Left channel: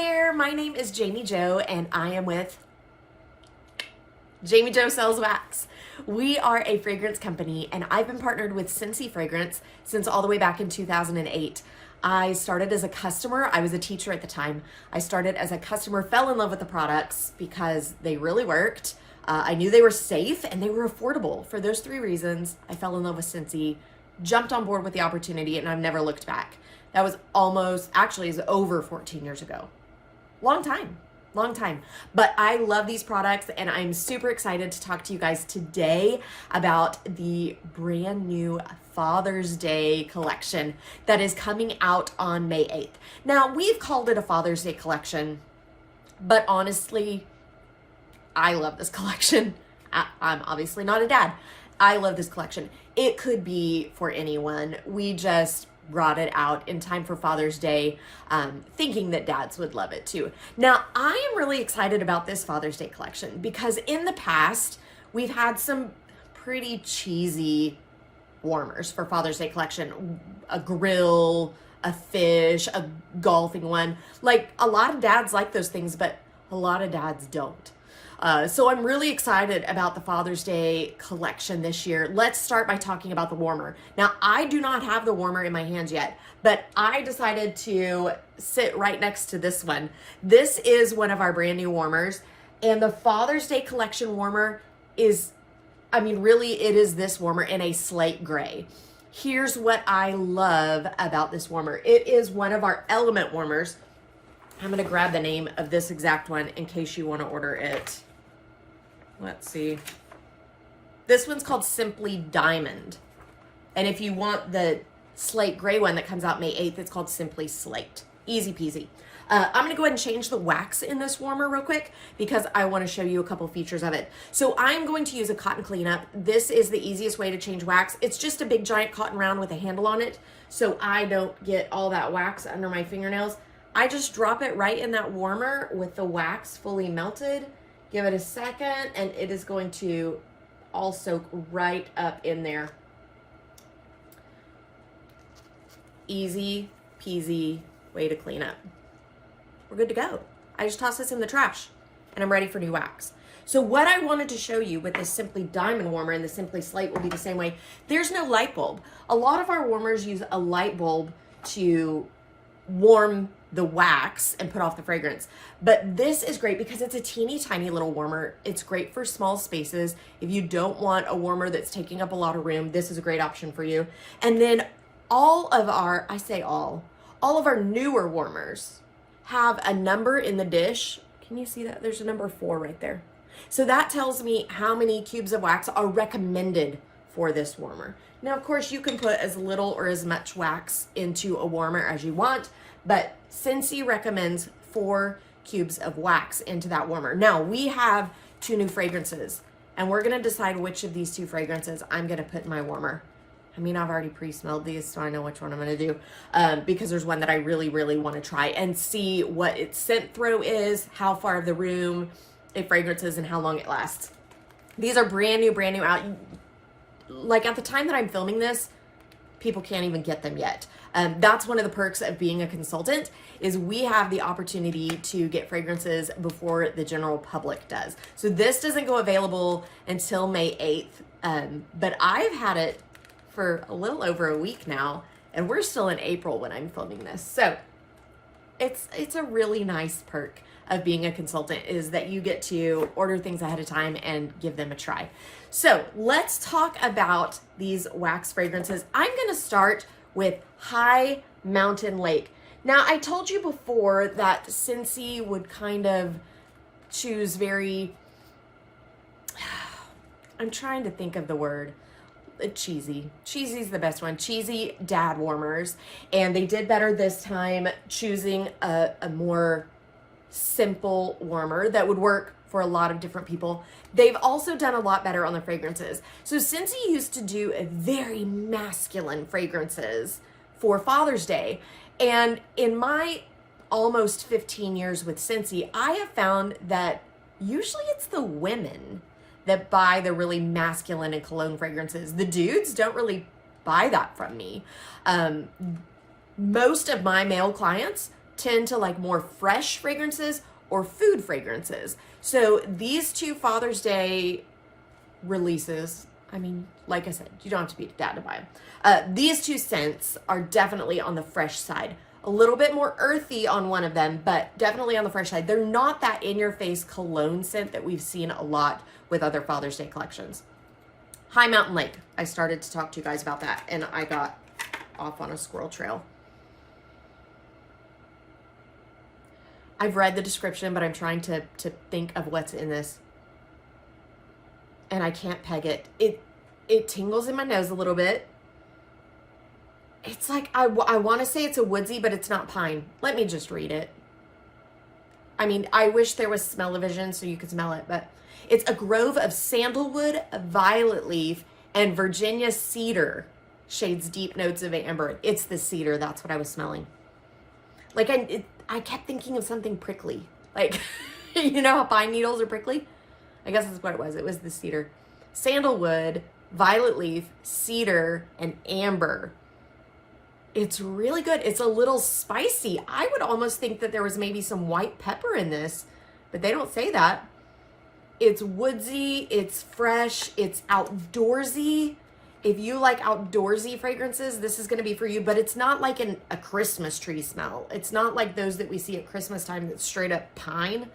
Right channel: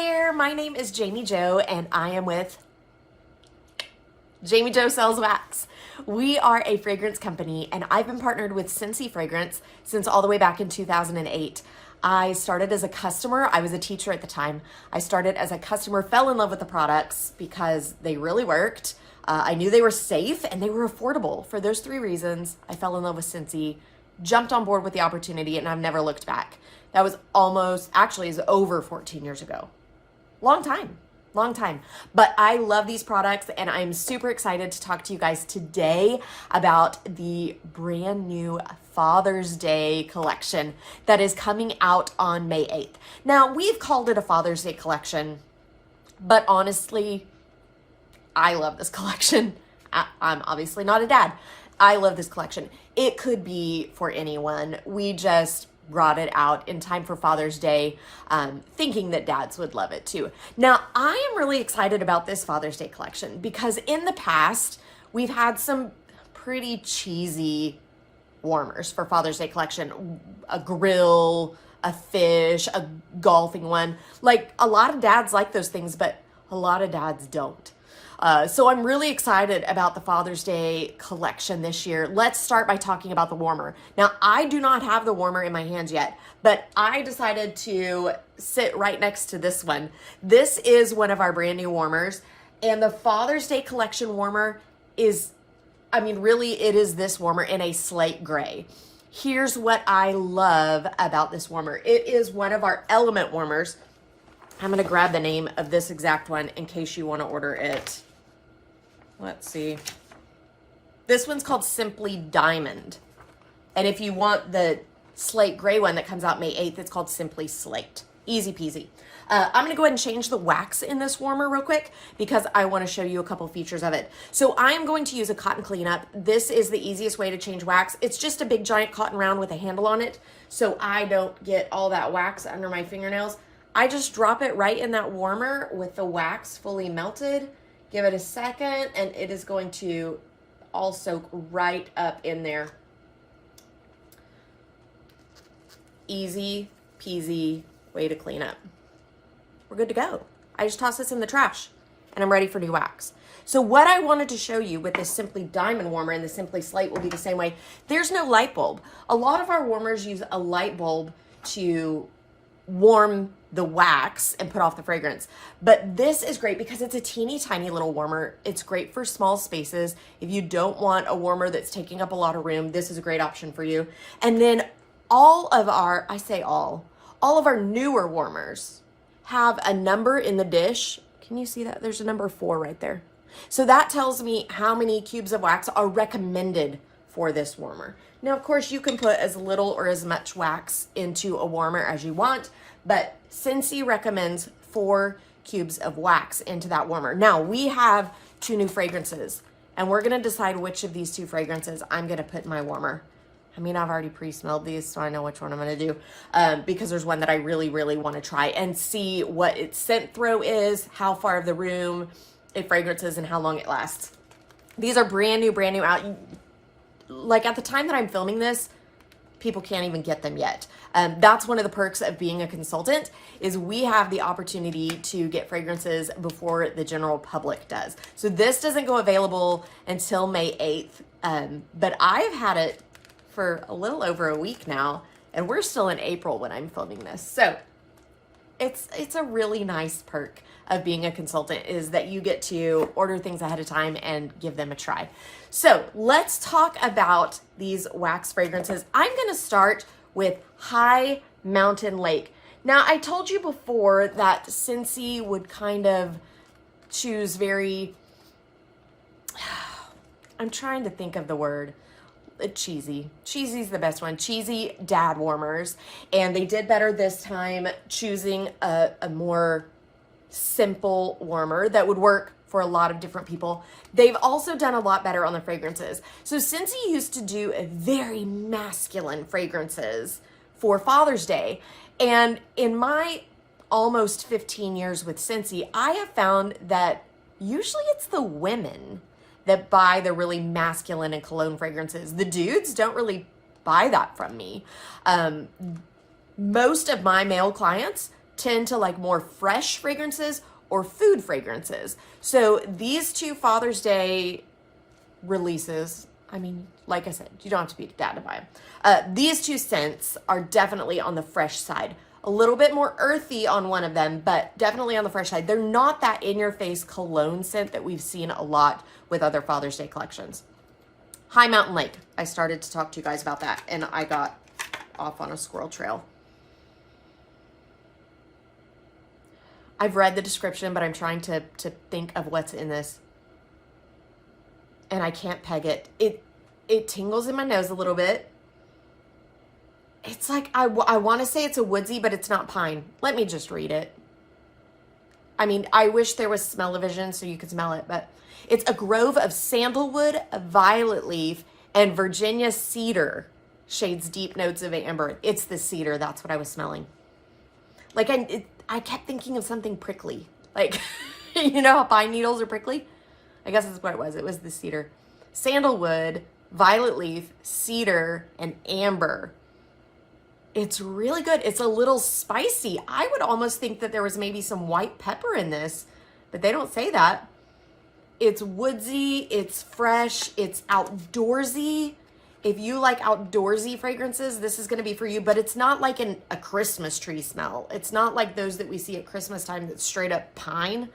there, my name is Jamie Jo and I am with Jamie Jo Sells Wax. We are a fragrance company and I've been partnered with Scentsy Fragrance since all the way back in 2008. I started as a customer. I was a teacher at the time. I started as a customer, fell in love with the products because they really worked. I knew they were safe and they were affordable. For those three reasons, I fell in love with Scentsy, jumped on board with the opportunity, and I've never looked back. That was it's over 14 years ago. Long time. But I love these products and I'm super excited to talk to you guys today about the brand new Father's Day collection that is coming out on May 8th. Now, we've called it a Father's Day collection, but honestly, I love this collection. I'm obviously not a dad. I love this collection. It could be for anyone. We just brought it out in time for Father's Day, thinking that dads would love it too. Now, I am really excited about this Father's Day collection because in the past, we've had some pretty cheesy warmers for Father's Day collection. A grill, a fish, a golfing one. Like, a lot of dads like those things, but a lot of dads don't. So I'm really excited about the Father's Day collection this year. Let's start by talking about the warmer. Now, I do not have the warmer in my hands yet, but I decided to sit right next to this one. This is one of our brand new warmers, and the Father's Day collection warmer is, really, it is this warmer in a slate gray. Here's what I love about this warmer. It is one of our element warmers. I'm going to grab the name of this exact one in case you want to order it. Let's see. This one's called Simply Diamond. And if you want the slate gray one that comes out May 8th, it's called Simply Slate. Easy peasy. I'm going to go ahead and change the wax in this warmer real quick because I want to show you a couple features of it. So I'm going to use a cotton cleanup. This is the easiest way to change wax. It's just a big giant cotton round with a handle on it, so I don't get all that wax under my fingernails. I just drop it right in that warmer with the wax fully melted. Give it a second and it is going to all soak right up in there. Easy peasy way to clean up. We're good to go. I just toss this in the trash and I'm ready for new wax. So what I wanted to show you with this Simply Diamond warmer and the Simply Slate will be the same way. There's no light bulb. A lot of our warmers use a light bulb to warm the wax and put off the fragrance. But this is great because it's a teeny tiny little warmer. It's great for small spaces. If you don't want a warmer that's taking up a lot of room, this is a great option for you. And then all of our newer warmers have a number in the dish. Can you see that? There's a number 4 right there. So that tells me how many cubes of wax are recommended for this warmer. Now, of course, you can put as little or as much wax into a warmer as you want, but Scentsy recommends 4 cubes of wax into that warmer. Now, we have 2 new fragrances, and we're gonna decide which of these 2 fragrances I'm gonna put in my warmer. I've already pre-smelled these, so I know which one I'm gonna do, because there's one that I really, really wanna try and see what its scent throw is, how far of the room it fragrances, and how long it lasts. These are brand new out. Like, at the time that I'm filming this, people can't even get them yet. That's one of the perks of being a consultant, is we have the opportunity to get fragrances before the general public does. So this doesn't go available until May 8th, but I've had it for a little over a week now, and we're still in April when I'm filming this. So it's a really nice perk of being a consultant, is that you get to order things ahead of time and give them a try. So let's talk about these wax fragrances. I'm gonna start with High Mountain Lake. Now, I told you before that Scentsy would kind of choose I'm trying to think of the word, cheesy. Cheesy's the best one. Cheesy dad warmers. And they did better this time choosing a more simple warmer that would work for a lot of different people. They've also done a lot better on the fragrances. So Scentsy used to do a very masculine fragrances for Father's Day. And in my almost 15 years with Scentsy, I have found that usually it's the women that buy the really masculine and cologne fragrances. The dudes don't really buy that from me. Most of my male clients tend to like more fresh fragrances or food fragrances. So these two Father's Day releases, I mean, like I said, you don't have to be a dad to buy them. These two scents are definitely on the fresh side. A little bit more earthy on one of them, but definitely on the fresh side. They're not that in-your-face cologne scent that we've seen a lot with other Father's Day collections. High Mountain Lake. I started to talk to you guys about that, and I got off on a squirrel trail. I've read the description, but I'm trying to think of what's in this. And I can't peg it. It tingles in my nose a little bit. It's like, I want to say it's a woodsy, but it's not pine. Let me just read it. I mean, I wish there was smell-o-vision so you could smell it, but it's a grove of sandalwood, violet leaf, and Virginia cedar. Shades deep notes of amber. It's the cedar. That's what I was smelling. Like, I kept thinking of something prickly. Like, you know how pine needles are prickly? I guess that's what it was. It was the cedar. Sandalwood, violet leaf, cedar, and amber. It's really good. It's a little spicy. I would almost think that there was maybe some white pepper in this, but they don't say that. It's woodsy, it's fresh, it's outdoorsy. If you like outdoorsy fragrances, this is going to be for you, but it's not like a Christmas tree smell. It's not like those that we see at Christmas time that's straight up pine.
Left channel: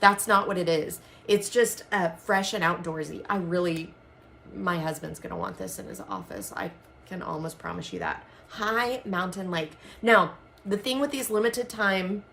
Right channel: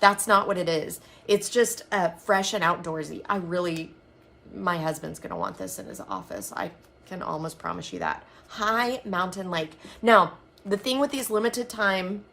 That's not what it is. It's just fresh and outdoorsy. My husband's going to want this in his office. I can almost promise you that. High Mountain Lake. Now, the thing with these limited time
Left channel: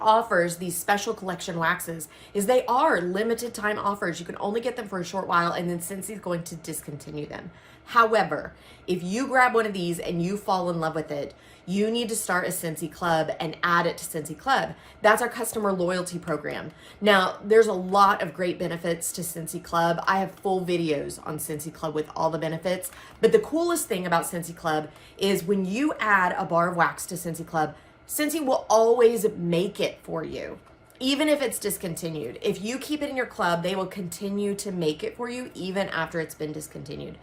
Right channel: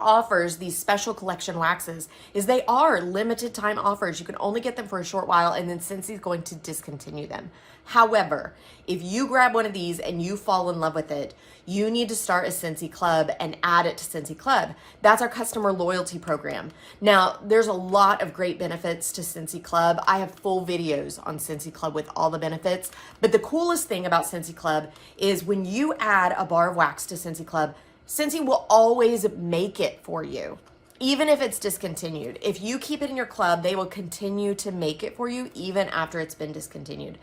offers, these special collection waxes, is they are limited time offers. You can only get them for a short while, and then Scentsy's going to discontinue them. However, if you grab one of these and you fall in love with it, you need to start a Scentsy Club and add it to Scentsy Club. That's our customer loyalty program. Now, there's a lot of great benefits to Scentsy Club. I have full videos on Scentsy Club with all the benefits. But the coolest thing about Scentsy Club is when you add a bar of wax to Scentsy Club, Scentsy will always make it for you, even if it's discontinued. If you keep it in your club, they will continue to make it for you even after it's been discontinued.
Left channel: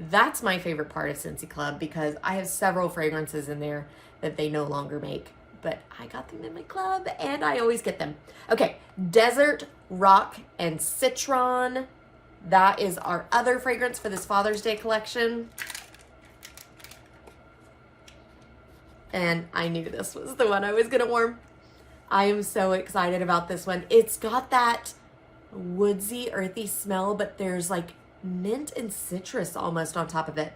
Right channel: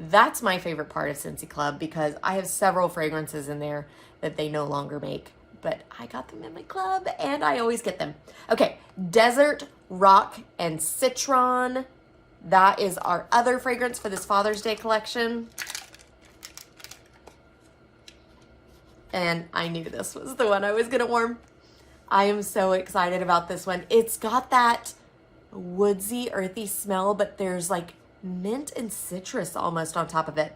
That's my favorite part of Scentsy Club because I have several fragrances in there that they no longer make, but I got them in my club and I always get them. Okay, Desert, Rock, and Citron. That is our other fragrance for this Father's Day collection. And I knew this was the one I was going to warm. I am so excited about this one. It's got that woodsy, earthy smell, but there's like mint and citrus almost on top of it.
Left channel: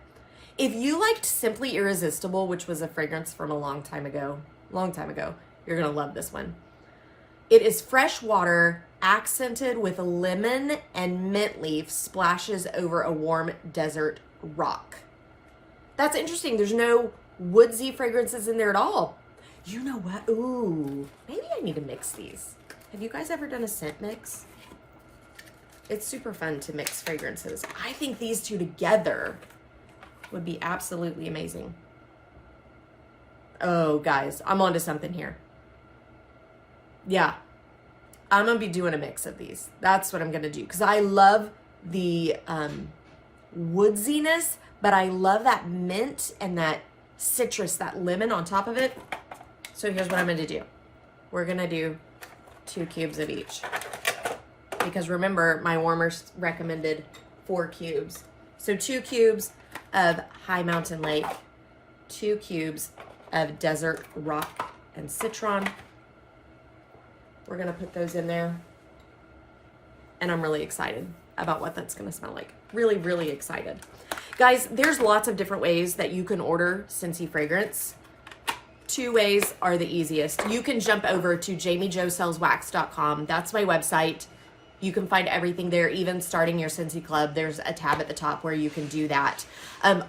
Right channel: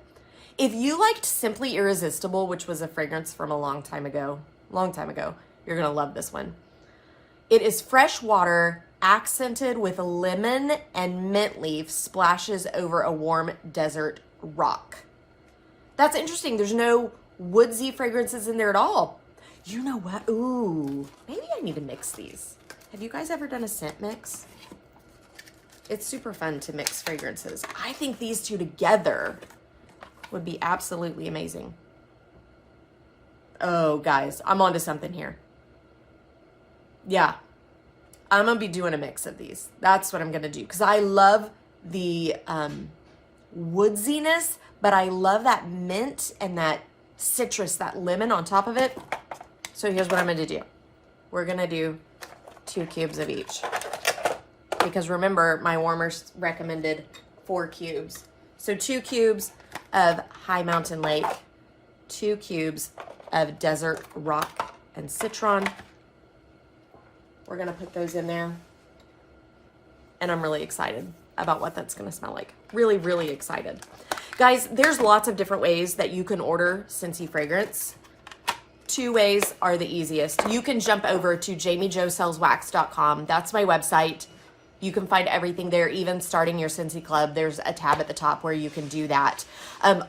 If you liked Simply Irresistible, which was a fragrance from a long time ago, you're going to love this one. It is fresh water accented with lemon and mint leaf splashes over a warm desert rock. That's interesting. There's no woodsy fragrances in there at all. You know what? Ooh, maybe I need to mix these. Have you guys ever done a scent mix? It's super fun to mix fragrances. I think these two together would be absolutely amazing. Oh, guys, I'm onto something here. Yeah, I'm going to be doing a mix of these. That's what I'm going to do because I love the woodsiness, but I love that mint and that citrus, that lemon on top of it. So here's what I'm going to do. We're going to do 2 cubes of each. Because remember, my warmers recommended 4 cubes. So 2 cubes of High Mountain Lake, 2 cubes of Desert, Rock, and Citron. We're going to put those in there. And I'm really excited about what that's going to smell like. Really, really excited. Guys, there's lots of different ways that you can order Scentsy fragrance. 2 ways are the easiest. You can jump over to JamiJoSellsWax.com. That's my website. You can find everything there, even starting your Scentsy Club. There's a tab at the top where you can do that.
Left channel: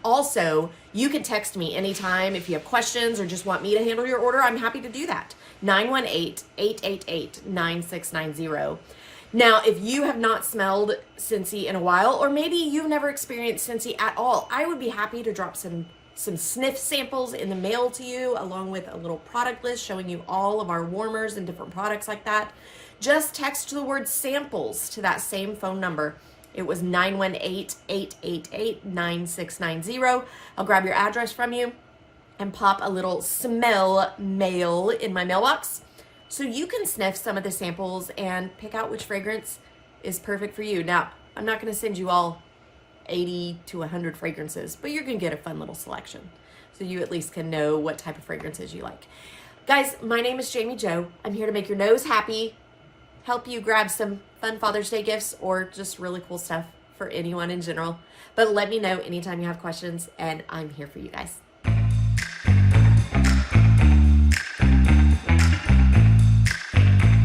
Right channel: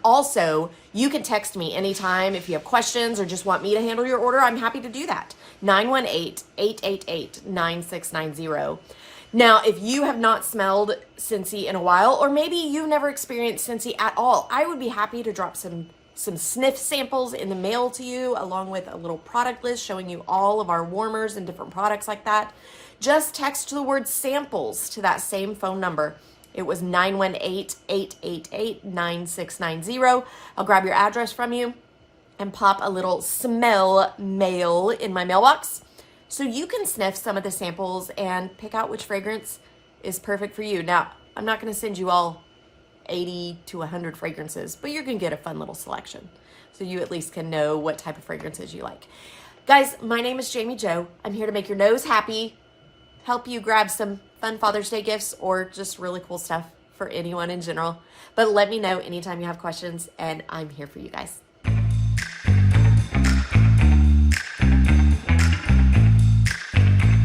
Also, you can text me anytime if you have questions or just want me to handle your order. I'm happy to do that. 918-888-9690. Now, if you have not smelled Scentsy in a while, or maybe you've never experienced Scentsy at all, I would be happy to drop some sniff samples in the mail to you, along with a little product list showing you all of our warmers and different products like that. Just text the word samples to that same phone number. It was 918-888-9690. I'll grab your address from you and pop a little smell mail in my mailbox so you can sniff some of the samples and pick out which fragrance is perfect for you. Now, I'm not going to send you all 80 to 100 fragrances, but you're going to get a fun little selection so you at least can know what type of fragrances you like. Guys, my name is Jami Jo. I'm here to make your nose happy, help you grab some fun Father's Day gifts or just really cool stuff for anyone in general. But let me know anytime you have questions, and I'm here for you guys.